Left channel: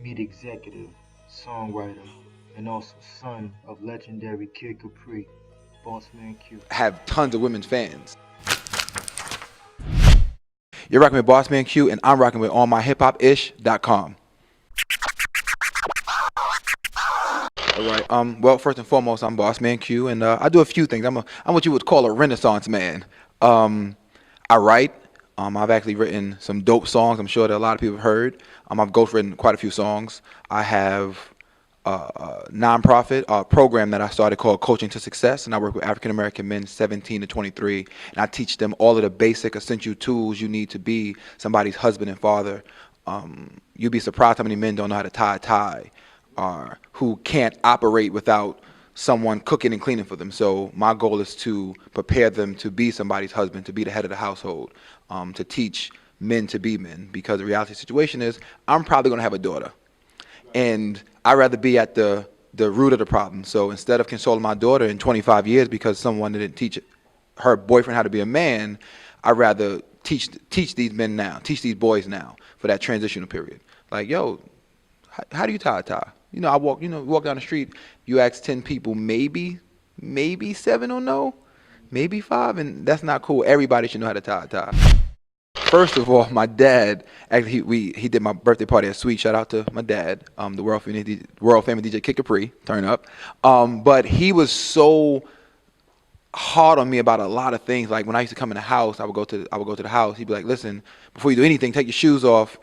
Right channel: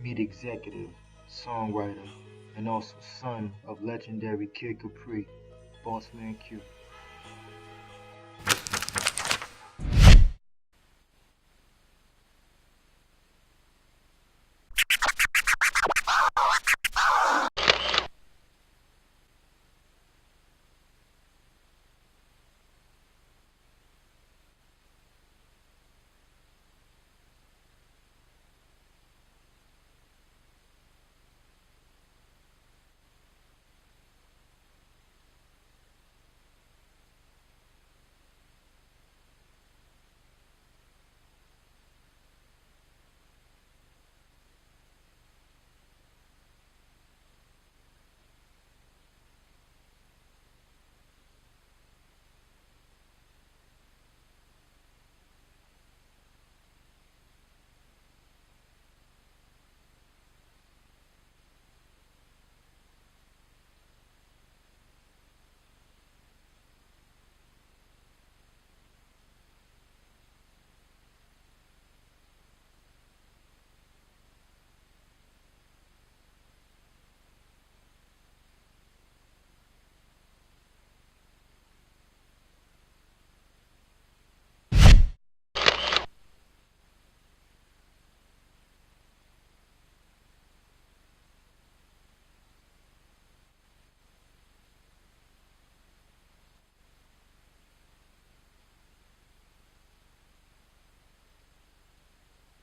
Meet executive, songwriter, and also son of legendary Kid Capri, Bossman Q. Have tons of women's fans. You're rocking with Bossman Q, and I'm rocking with OMHHI.com. All right. Well, first and foremost, I'm Bossman Q, and I do a few things. I'm what you would call a Renaissance man. I write. I've actually written some dope songs. I'm sure that a lot of people have heard. I've ghostwritten quite a few songs. I have a nonprofit program that I started called Coaching to Success, and I work with African American men 17 to 23, and I teach them all of the basic essential tools you need to be somebody's husband and father. You'd be surprised how many men don't know how to tie a tie, or who can't operate without someone cooking and cleaning for them. So my goal is to prepare them to be somebody's husband, to be the head of the household, to teach men to be men, because the reality situation is I'm probably going to have a daughter, and I'd rather be at the root of the problem. So instead of consoling my daughter in 25 years because someone didn't teach her boyfriend how to be a man, I'd rather teach these men now, teach these boys now for that transitional period. Like, yo, how do you tie a tie? You know, walk down the street, you ask 10 people, maybe 7 will know, maybe 5, and that's not cool. Everybody should know how to tie a tie. First of all, my dad, actually, he did my birthday party at Sweet. Shout out to my dad, the world famous DJ Kid Capri, turn up. But he was so hard on me about a lot of things. Like when I used to come in the house, I would go to the house. He'd be like, "Listen, before you do anything, take your shoes off,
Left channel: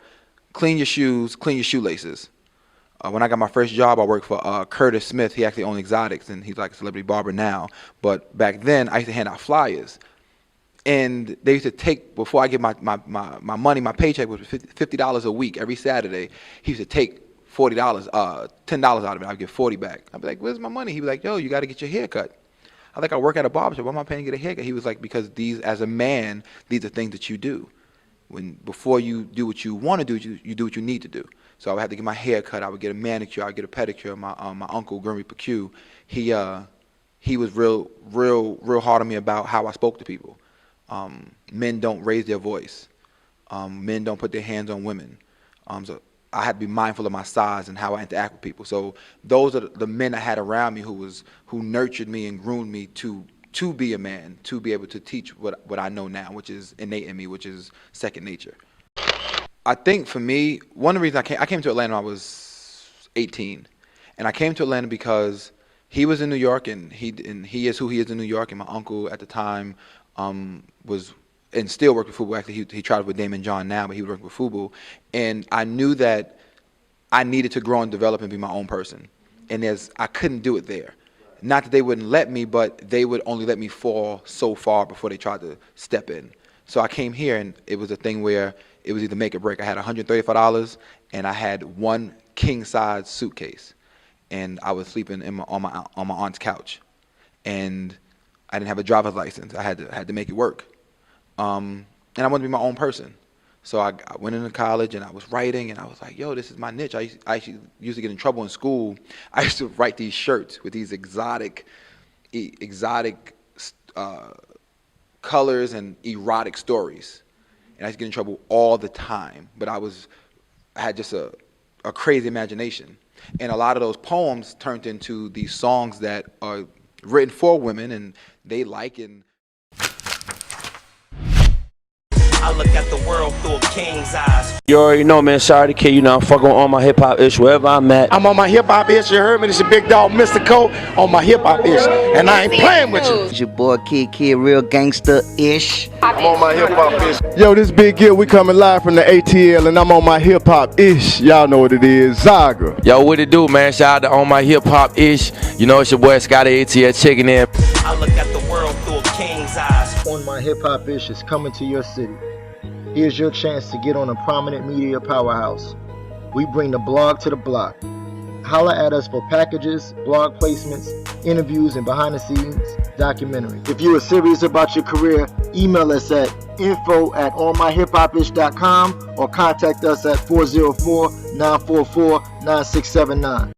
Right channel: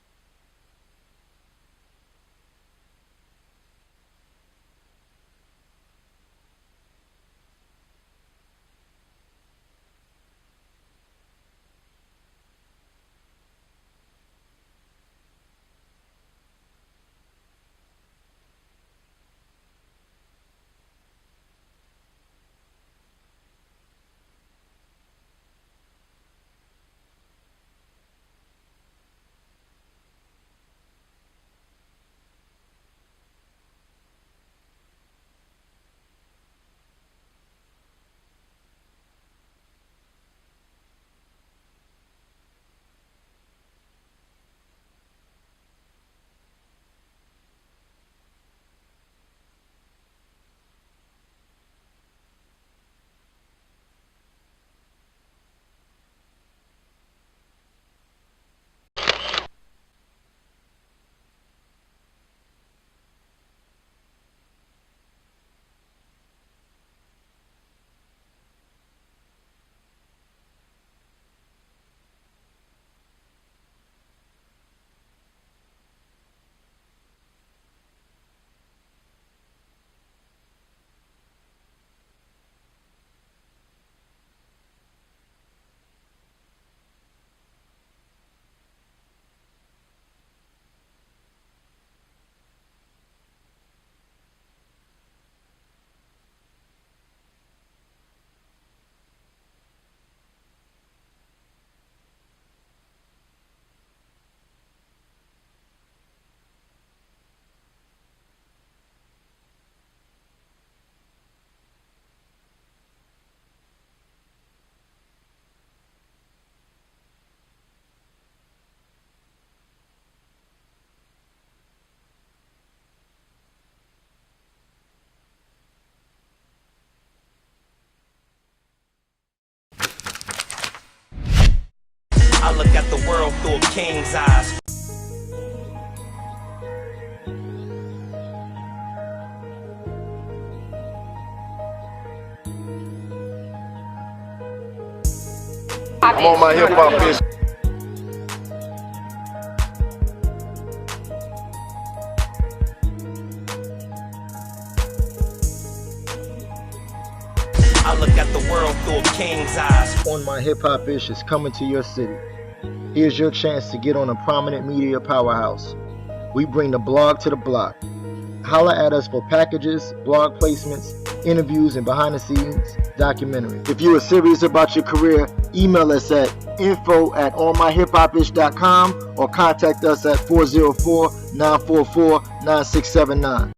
clean your shoes, clean your shoelaces." When I got my first job, I worked for Curtis Smith. He actually owned Exotics, and he's like a celebrity barber now. But back then, I used to hand out flyers. And they used to take, before I get my money, my paycheck was $50 a week every Saturday. He used to take $10 out of it. I'd get 40 back. I'd be like, "Where's my money?" He'd be like, "Yo, you got to get your hair cut." I think I work at a barbershop. Why am I paying to get a haircut? He was like, "Because these, as a man, these are things that you do. Before you do what you want to do, you do what you need to do." So I would have to get my hair cut. I would get a manicure. I would get a pedicure. My uncle, Grimmy Q, he was real hard on me about how I spoke to people. Men don't raise their voice. Men don't put their hands on women. So I had to be mindful of my size and how I interact with people. So those are the men I had around me who nurtured me and groomed me to be a man, to be able to teach what I know now, which is innate in me, which is second nature. I think for me, one of the reasons I came to Atlanta when I was 18, and I came to Atlanta because he was in New York, and he is who he is in New York, and my uncle at the time was and still worked with FUBU. Actually, he traveled with Damon John now, but he worked with FUBU, and I knew that I needed to grow and develop and be my own person, and I couldn't do it there. Not that they wouldn't let me, but they would only let me fall so far before they tried to step in. So I came here, and it was a thing where it was either make or break. I had $135, and I had one king-size suitcase, and I was sleeping on my aunt's couch, and I didn't have a driver's license. I had to make it work, and I wanted to be my own person. So I went into college, and I was writing, and I was like, "Yo, this is my niche." I actually used to get in trouble in school. I used to write these shirts with these exotic colors and erotic stories. And I used to get in trouble all the time, but I had just a crazy imagination. And a lot of those poems turned into these songs that are written for women, and they like it. I look at the world through a king's eyes. You already know, man. Sorry, kid. You know, I'm fucking on my hip hop ish wherever I'm at. I'm on my hip hop ish. You heard me? This is Big Dog, Mr. Cole, on my hip hop ish, and I ain't playing with you. It's your boy Kid, real gangster ish. I'm on my hip hop ish. Yo, this Big Gil. We coming live from the ATL, and I'm on my hip hop ish. Y'all know what it is, Zaga. Yo, what it do, man? Shout out to On My Hip Hop ish. You know, it's your boy Scotty ATL checking in. I look at the world through a king's eyes. On My Hip Hop Ish is coming to your city. Here's your chance to get on a prominent media powerhouse. We bring the blog to the block. Holla at us for packages, blog placements, interviews, and behind-the-scenes documentaries. If you are serious about your career, email us at info@allmyhiphopish.com or contact us at 404-944-9679.